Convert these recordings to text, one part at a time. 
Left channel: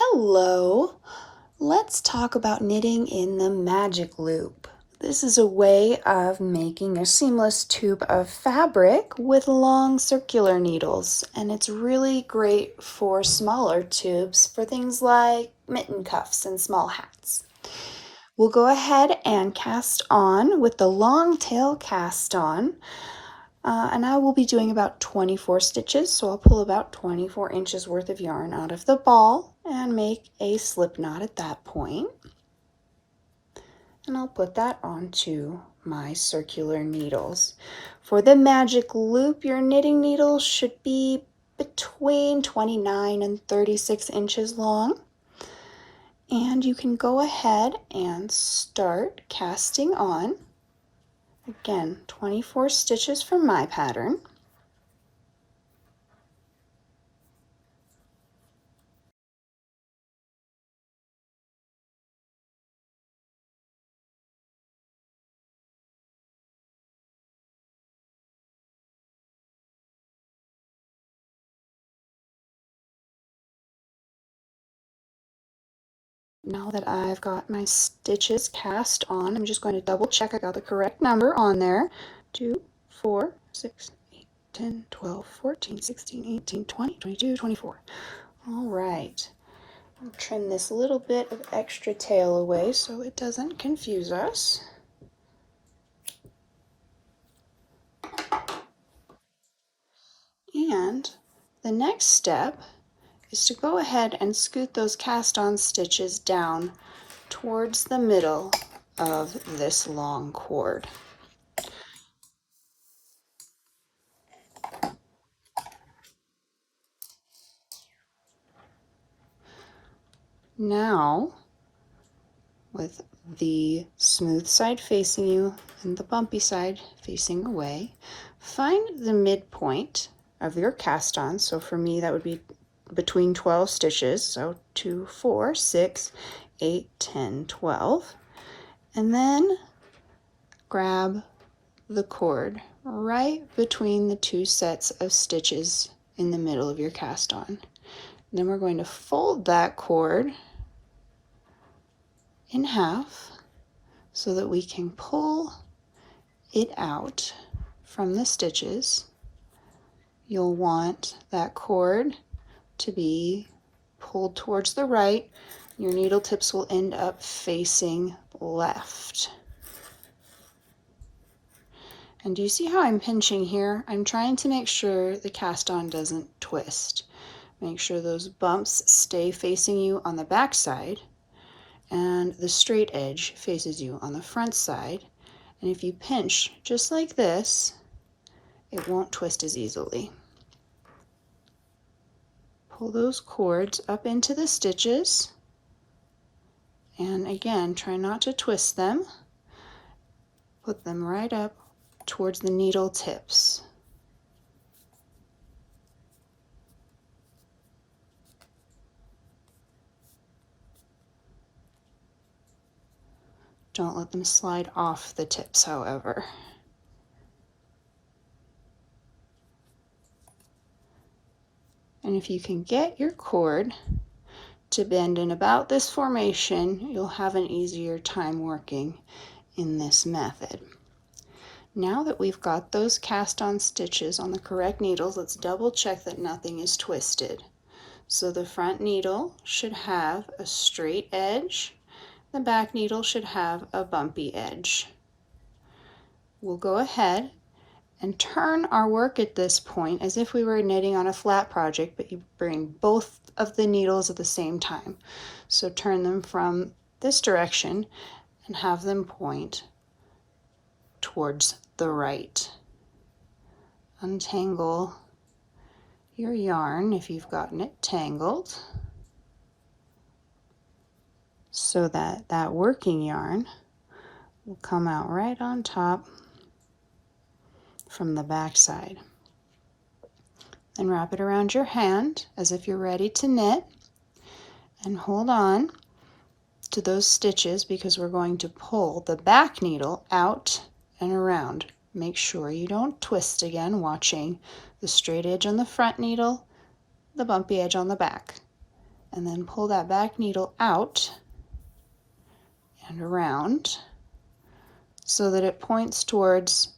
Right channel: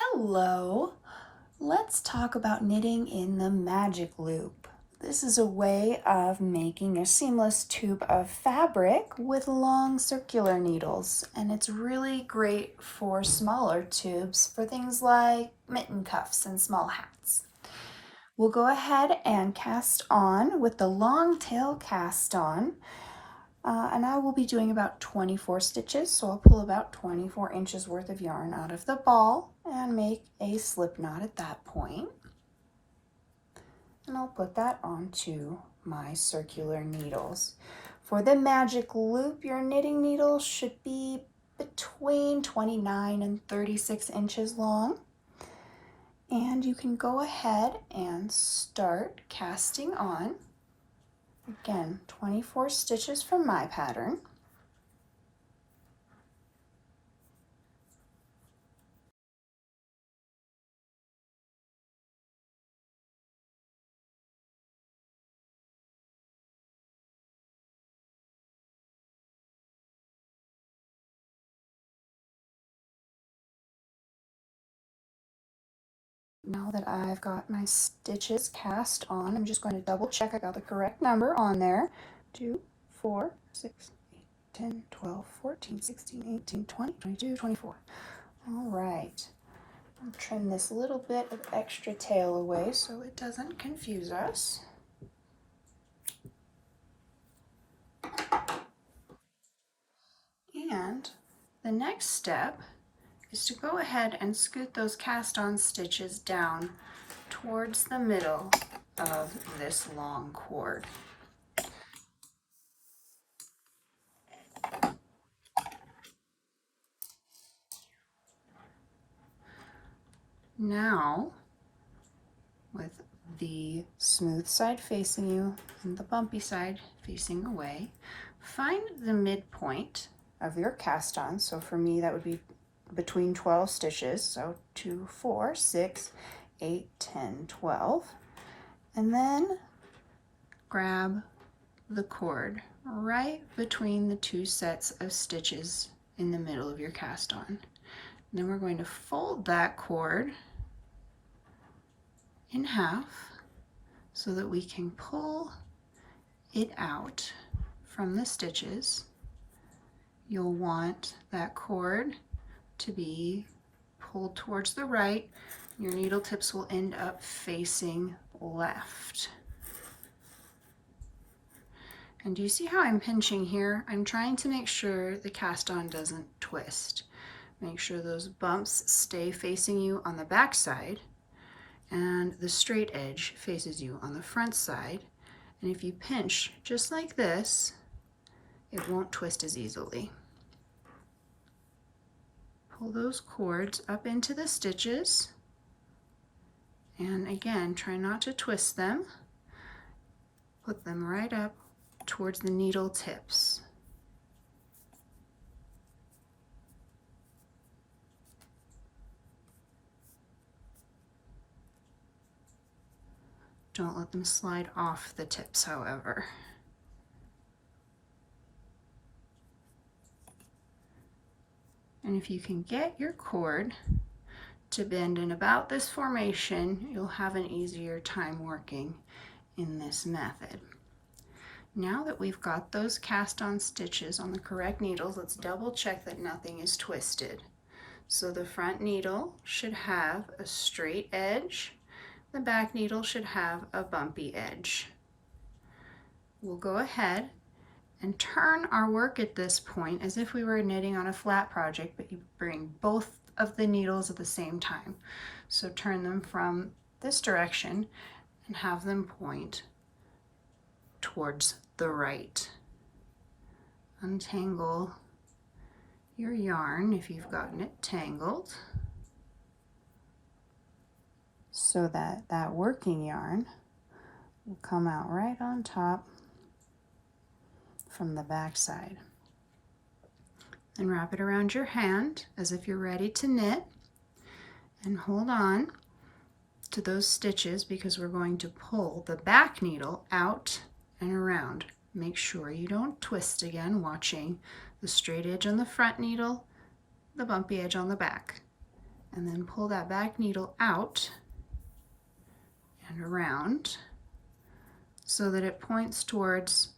Hello! Let's talk about knitting in the magic loop. This is a way of making a seamless tube of fabric with long circular needles, and it's really great for smaller tubes for things like mitten cuffs and small hats. We'll go ahead and cast on with the long tail cast on. And I will be doing about 24 stitches, so I'll pull about 24 inches worth of yarn out of the ball and make a slip knot at that point. And I'll put that onto my circular needles. For the magic loop, your knitting needles should be between 29 and 36 inches long. And you can go ahead and start casting on. Again, 24 stitches from my pattern. Now that I've got my stitches cast on, I'm just going to double check I got the correct number on there. 2, 4, 6, 8, 10, 12, 14, 16, 18, 20, 22, 24. All right. I'll trim this little bit of extra tail away so it doesn't confuse us. And the next step is to go ahead and scoot those cast on stitches down towards the middle of this long cord. Now, with the smooth side facing you and the bumpy side facing away, find the midpoint of your cast on. So for me, that would be between 12 stitches. So 2, 4, 6, 8, 10, 12. And then grab the cord right between the two sets of stitches in the middle of your cast on. And then we're going to fold that cord in half so that we can pull it out from the stitches. You'll want that cord to be pulled towards the right. Your needle tips will end up facing left. And do you see how I'm pinching here? I'm trying to make sure the cast on doesn't twist. Make sure those bumps stay facing you on the back side and the straight edge faces you on the front side. And if you pinch just like this, it won't twist as easily. Pull those cords up into the stitches, and again, try not to twist them. Put them right up towards the needle tips. Don't let them slide off the tips, however. And if you can get your cord to bend in about this formation, you'll have an easier time working in this method. Now that we've got those cast on stitches on the correct needles, let's double check that nothing is twisted. So the front needle should have a straight edge. The back needle should have a bumpy edge. We'll go ahead and turn our work at this point as if we were knitting on a flat project, but you bring both of the needles at the same time. So turn them from this direction and have them point towards the right. Untangle your yarn if you've gotten it tangled, so that that working yarn will come out right on top from the back side. Then wrap it around your hand as if you're ready to knit, and hold on to those stitches because we're going to pull the back needle out and around. Make sure you don't twist again, watching the straight edge on the front needle, the bumpy edge on the back, and then pull that back needle out and around so that it points towards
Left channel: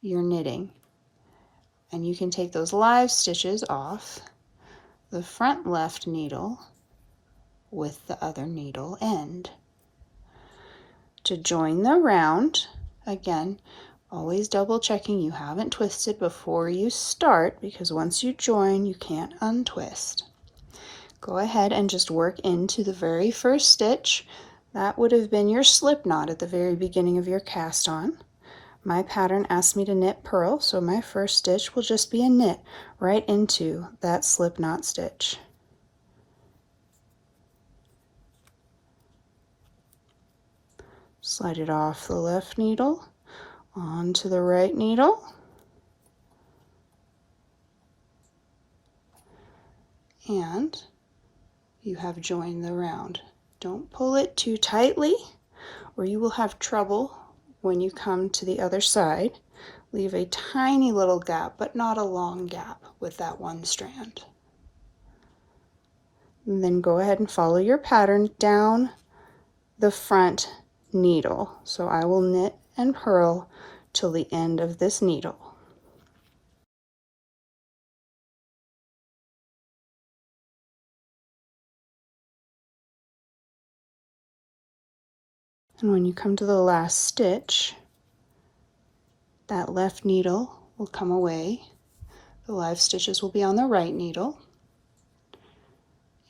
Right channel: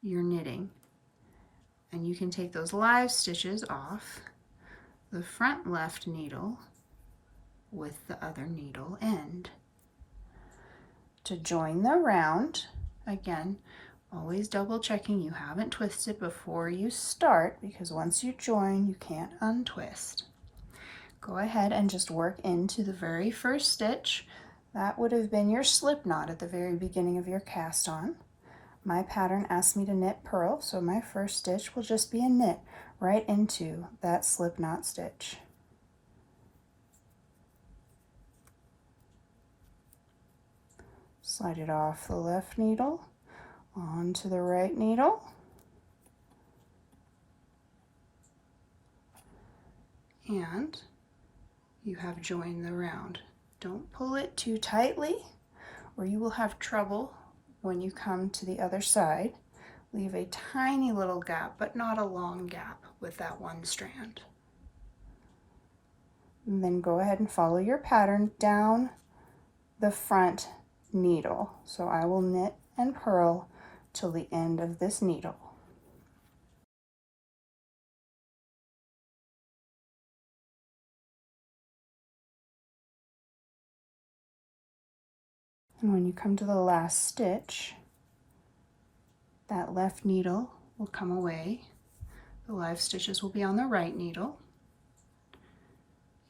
your knitting. And you can take those live stitches off the front left needle with the other needle end. To join the round, again, always double checking you haven't twisted before you start, because once you join, you can't untwist. Go ahead and just work into the very first stitch. That would have been your slip knot at the very beginning of your cast on. My pattern asked me to knit purl, so my first stitch will just be a knit right into that slip knot stitch. Slide it off the left needle onto the right needle, and you have joined the round. Don't pull it too tightly or you will have trouble when you come to the other side. Leave a tiny little gap, but not a long gap with that one strand. And then go ahead and follow your pattern down the front needle. So I will knit and purl till the end of this needle. And when you come to the last stitch, that left needle will come away. The live stitches will be on the right needle.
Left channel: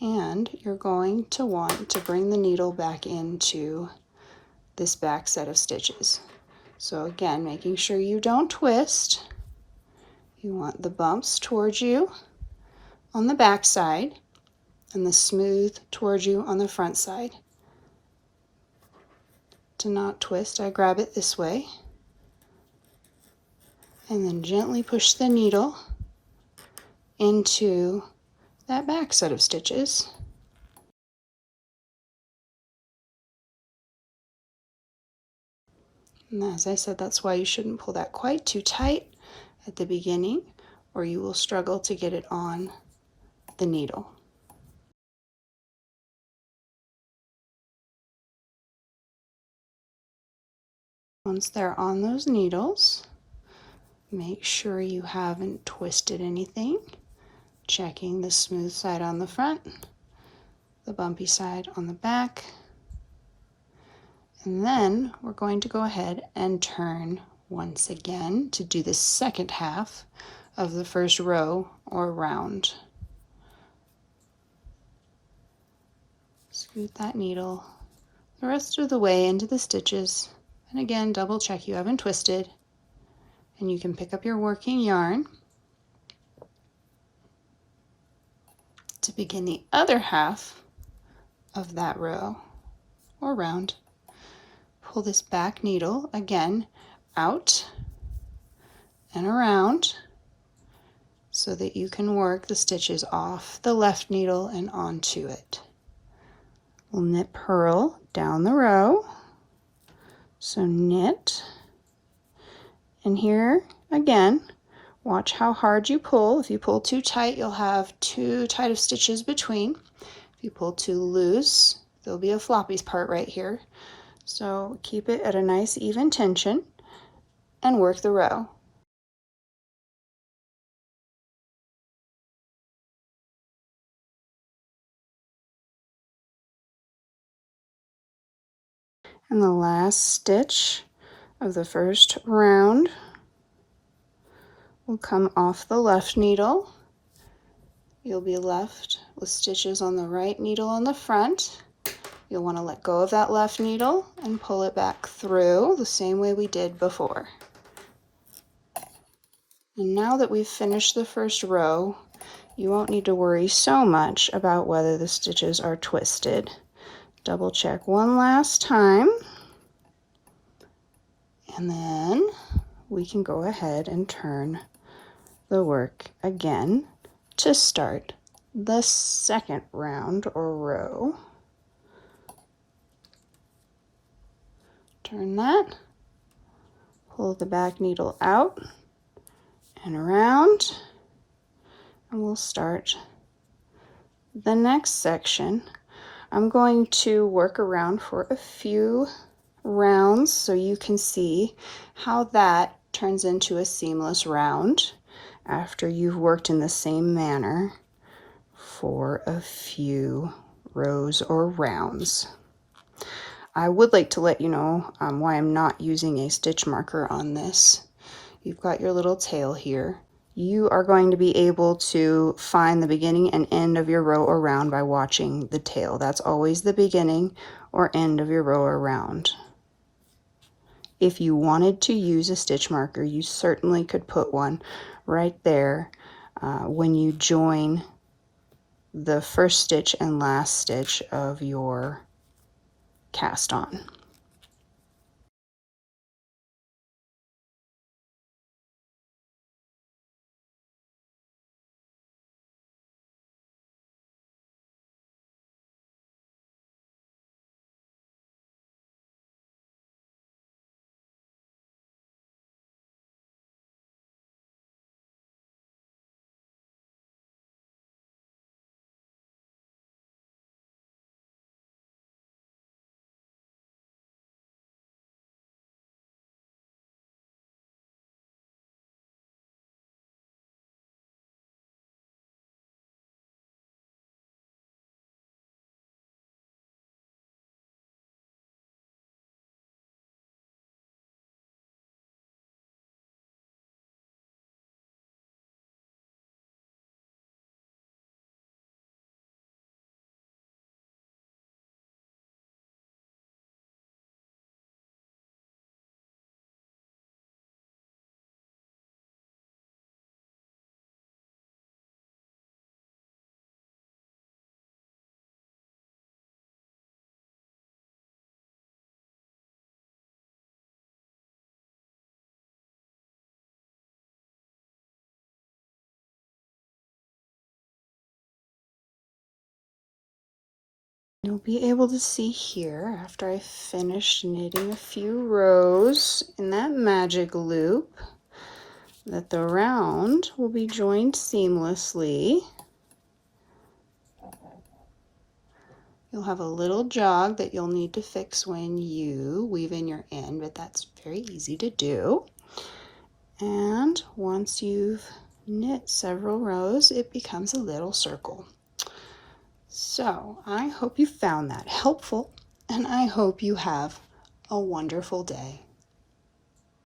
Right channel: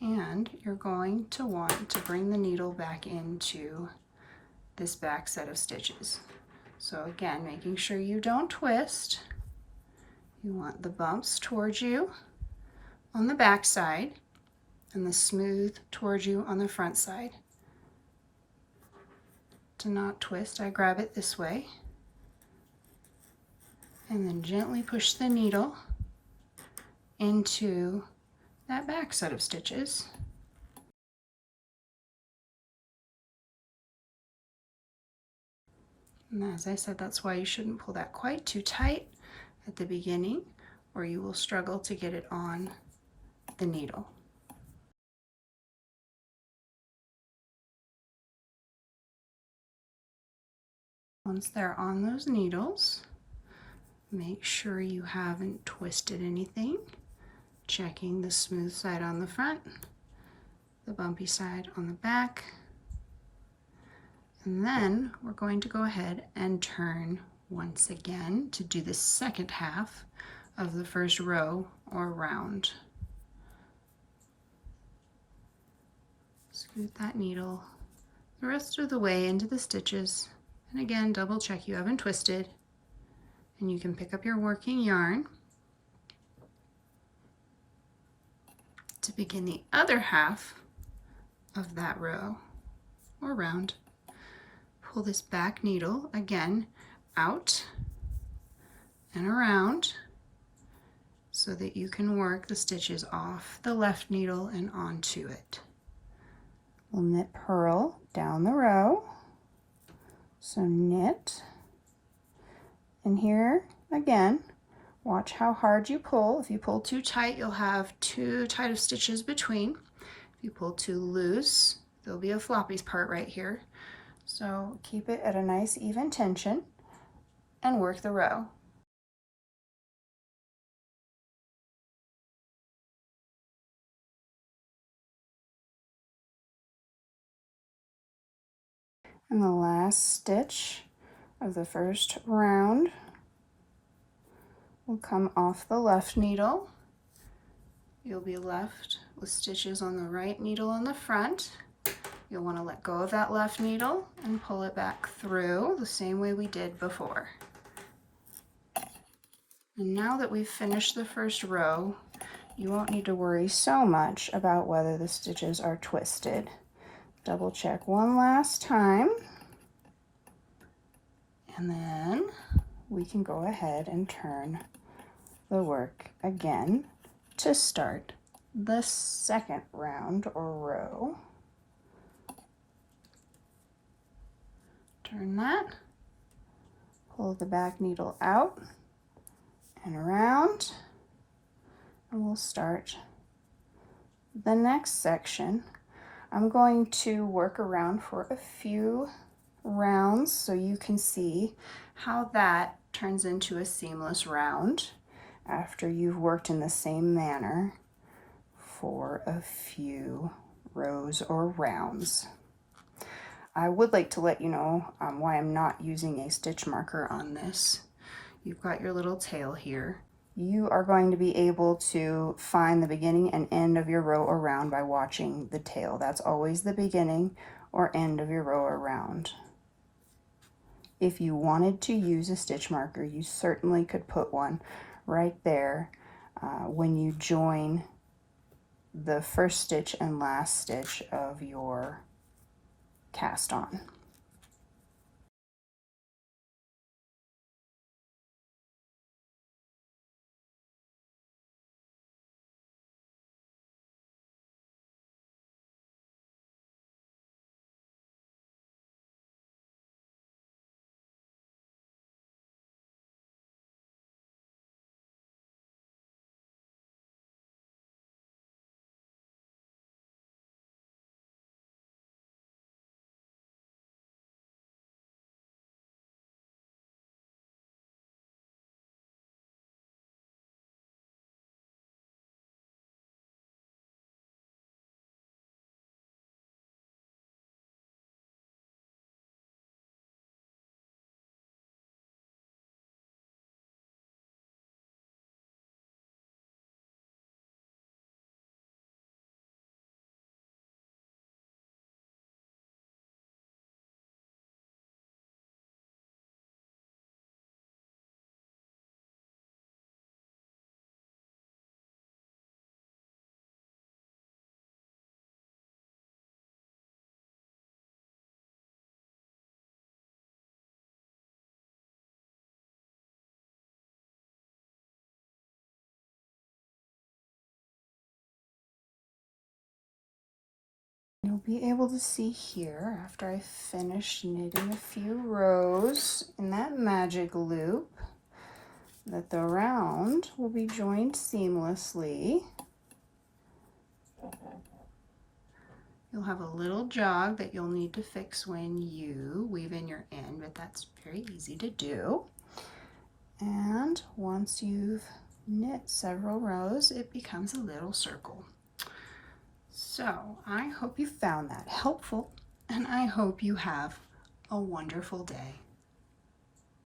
And you're going to want to bring the needle back into this back set of stitches. So again, making sure you don't twist. You want the bumps towards you on the back side and the smooth towards you on the front side. To not twist, I grab it this way and then gently push the needle into that back set of stitches. And as I said, that's why you shouldn't pull that quite too tight at the beginning, or you will struggle to get it on the needle. Once they're on those needles, make sure you haven't twisted anything, checking the smooth side on the front, the bumpy side on the back, and then we're going to go ahead and turn once again to do the second half of the first row or round. Scoot that needle the rest of the way into the stitches, and again double check you haven't twisted, and you can pick up your working yarn to begin the other half of that row or round. Pull this back needle again out and around so that you can work the stitches off the left needle and onto it. We'll knit purl down the row. So knit, and here again, watch how hard you pull. If you pull too tight, you'll have too tight of stitches between. If you pull too loose, there'll be a floppy part right here. So keep it at a nice even tension and work the row. And the last stitch of the first round will come off the left needle. You'll be left with stitches on the right needle on the front. You'll want to let go of that left needle and pull it back through the same way we did before. And now that we've finished the first row, you won't need to worry so much about whether the stitches are twisted. Double check one last time, and then we can go ahead and turn the work again to start the second round or row. Turn that, pull the back needle out and around, and we'll start The next section, I'm going to work around for a few rounds so you can see how that turns into a seamless round after you've worked in the same manner for a few rows or rounds. I would like to let you know why I'm not using a stitch marker on this. You've got your little tail here. You are going to be able to find the beginning and end of your row or round by watching the tail. That's always the beginning or end of your row or round. If you wanted to use a stitch marker, you certainly could put one right there when you join the first stitch and last stitch of your cast on. You'll be able to see here, after I finish knitting a few rows in that magic loop, that the round will be joined seamlessly. You'll have a little jog that you'll need to fix when you weave in your end, but that's very easy to do. And once you've knit several rows, it becomes a little circle. So I hope you found that helpful, and I hope you have a wonderful day.